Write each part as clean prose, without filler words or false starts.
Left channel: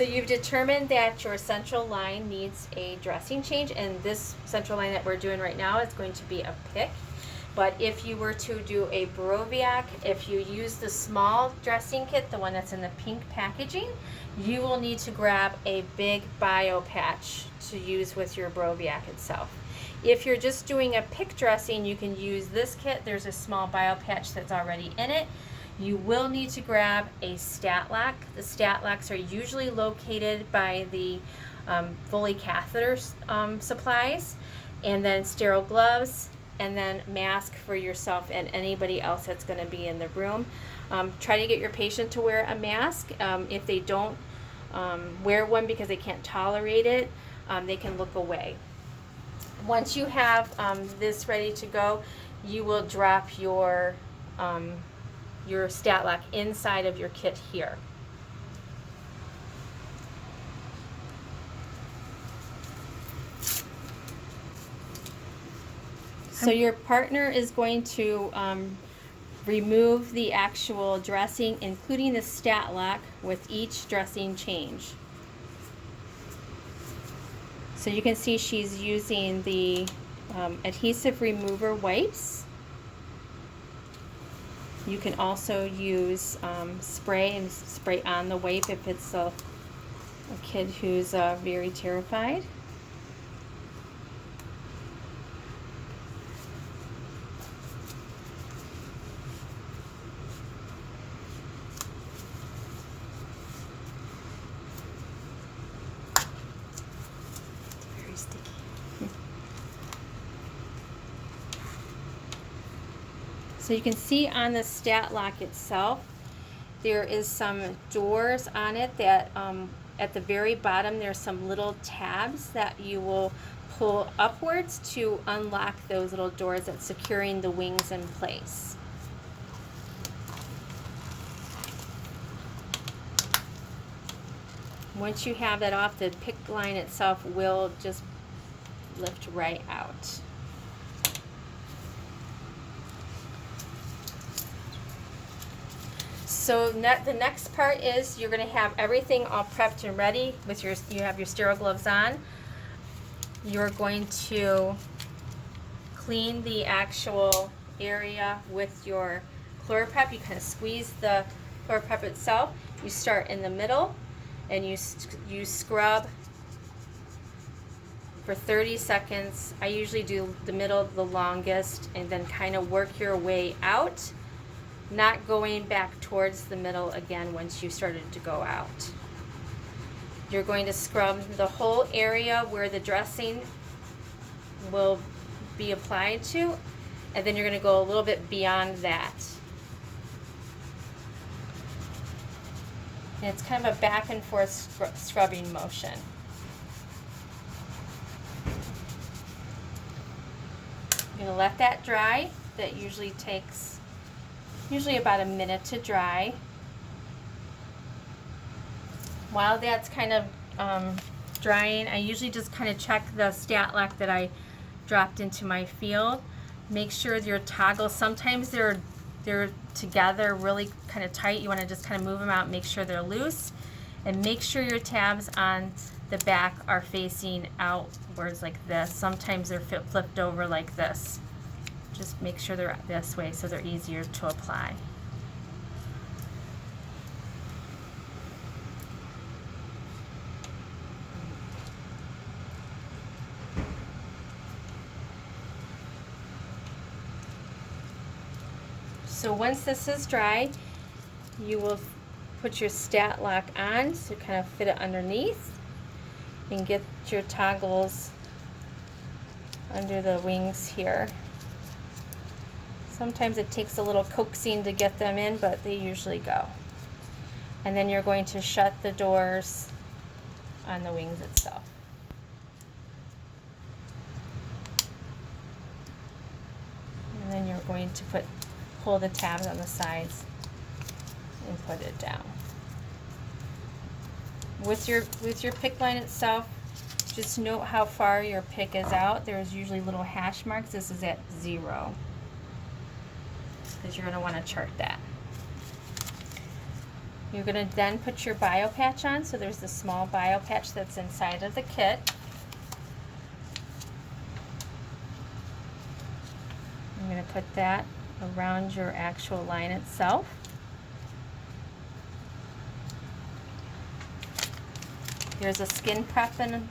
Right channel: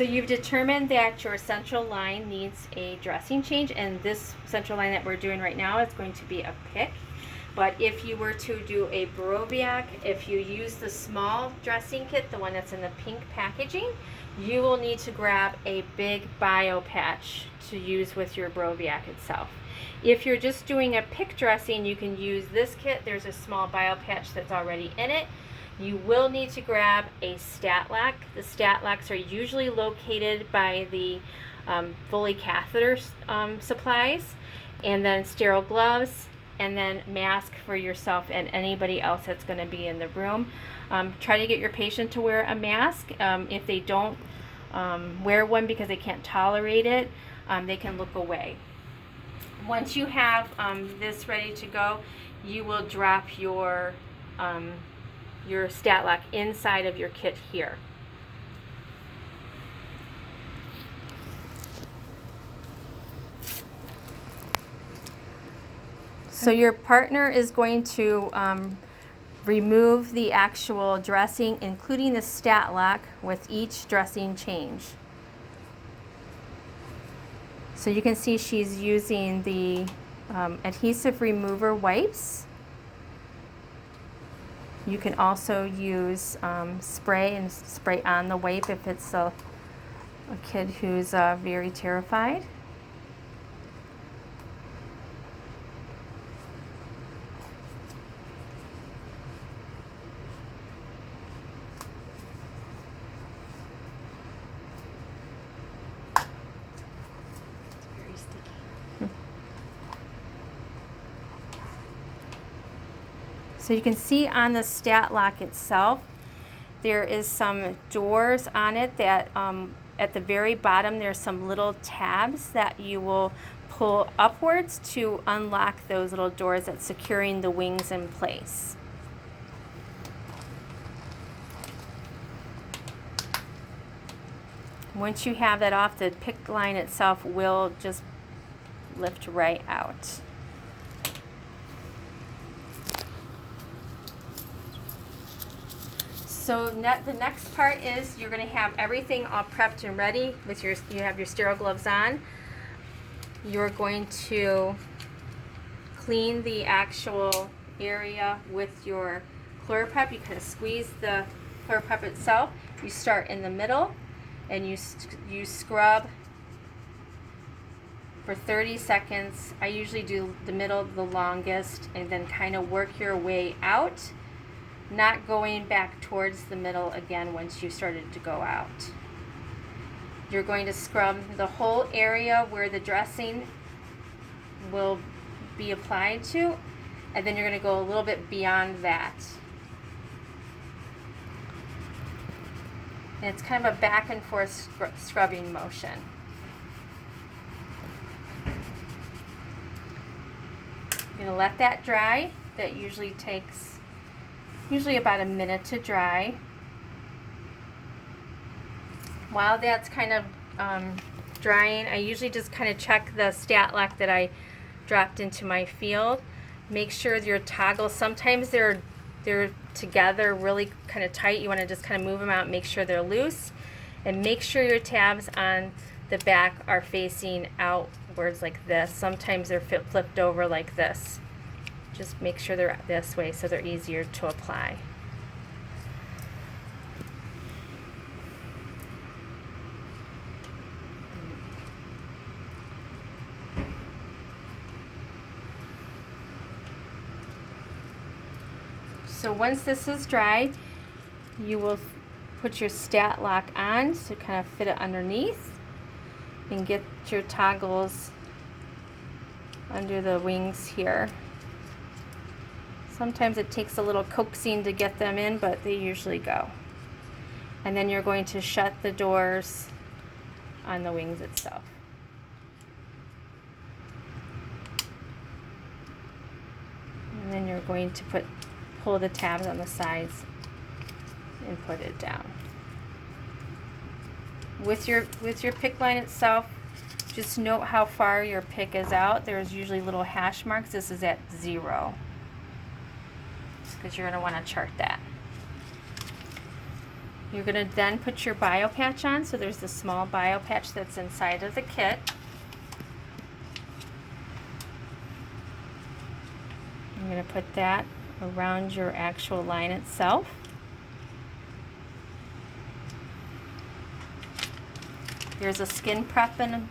So you've determined that your central line needs a dressing change, and this central line that we're doing right now is going to be a Picc. But if you were to do a Brobiac, if you use the small dressing kit, the one that's in the pink packaging, you will need to grab a big bio patch to use with your Brobiac itself. If you're just doing a Picc dressing, you can use this kit. There's a small bio patch that's already in it. You will need to grab a stat lock. The stat locks are usually located by the Foley catheter supplies, and then sterile gloves, and then mask for yourself and anybody else that's going to be in the room. Try to get your patient to wear a mask. If they don't wear one because they can't tolerate it, they can look away. Once you have this ready to go, you will drop your stat lock inside of your kit here. So your partner is going to remove the actual dressing, including the stat lock, with each dressing change. So you can see she's using the adhesive remover wipes. You can also use spray and spray on the wipe if it's a kid who's very terrified. Very sticky. So you can see on the stat lock itself, there is some doors on it that at the very bottom there's some little tabs that you will pull upwards to unlock those little doors that's securing the wings in place. Once you have that off, the Picc line itself will just lift right out. So the next part is you're going to have everything all prepped and ready with you have your sterile gloves on. You're going to clean the actual area with your ChlorPrep. You kind of squeeze the ChlorPrep itself. You start in the middle and you scrub for 30 seconds. I usually do the middle the longest, and then kind of work your way out, not going back towards the middle again once you started to go out. You're going to scrub the whole area where the dressing will be applied to, and then you're going to go a little bit beyond that. And it's kind of a back and forth scrubbing motion. You're going to let that dry. That usually takes about a minute to dry. While that's kind of drying, I usually just kind of check the stat lock that I dropped into my field. Make sure your toggles, sometimes they're together really kind of tight. You want to just kind of move them out, make sure they're loose, and make sure your tabs on the back are facing outwards like this. Sometimes they're flipped over like this. Just make sure they're this way so they're easier to apply. So once this is dry, you will put your stat lock on to kind of fit it underneath, and get your toggles under the wings here. Sometimes it takes a little coaxing to get them in, but they usually go. And then you're going to shut the doors on the wings itself. And then you're going to pull the tabs on the sides and put it down. With your Picc line itself, just note how far your Picc is out. There's usually little hash marks. This is at 0, because you're going to want to chart that. You're going to then put your bio patch on. So there's the small bio patch that's inside of the kit. You're going to put that around your actual line itself. There's a skin prep in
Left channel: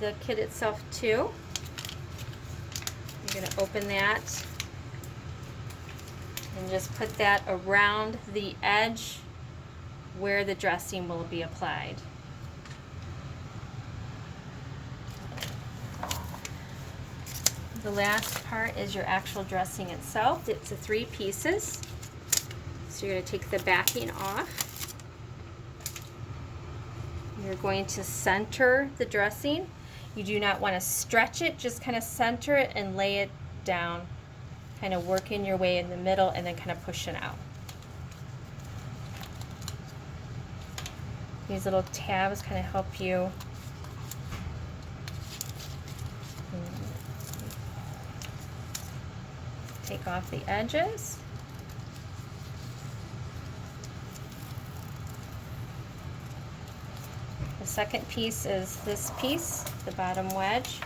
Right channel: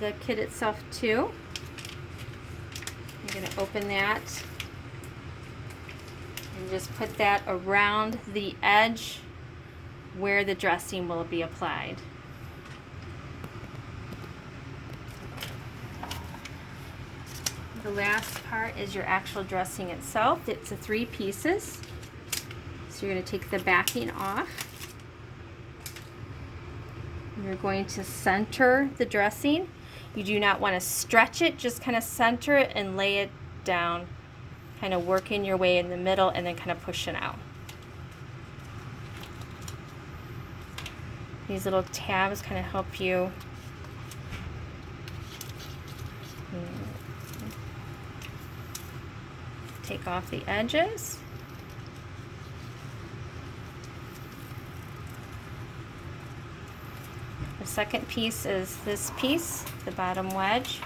the kit itself too. I'm going to open that and just put that around the edge where the dressing will be applied. The last part is your actual dressing itself. It's a 3 pieces. So you're going to take the backing off. You're going to center the dressing. You do not want to stretch it, just kind of center it and lay it down. Kind of working your way in the middle and then kind of pushing out. These little tabs kind of help you take off the edges. The second piece is this piece, the bottom wedge.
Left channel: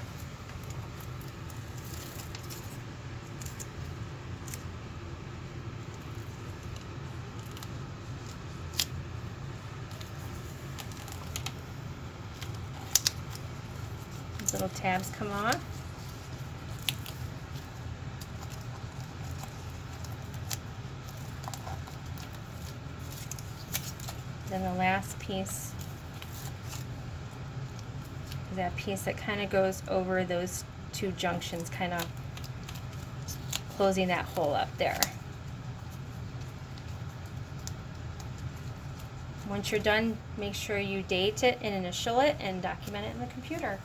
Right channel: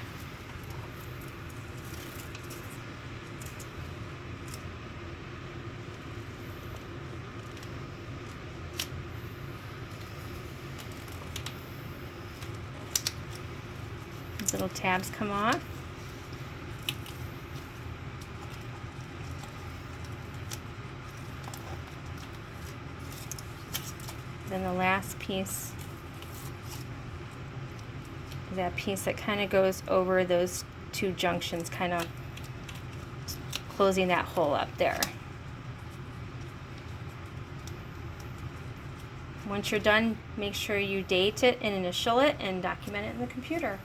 These little tabs come off. Then the last piece is that piece that kind of goes over those 2 junctions, kind of closing that hole up there. Once you're done, make sure you date it and initial it and document it in the computer.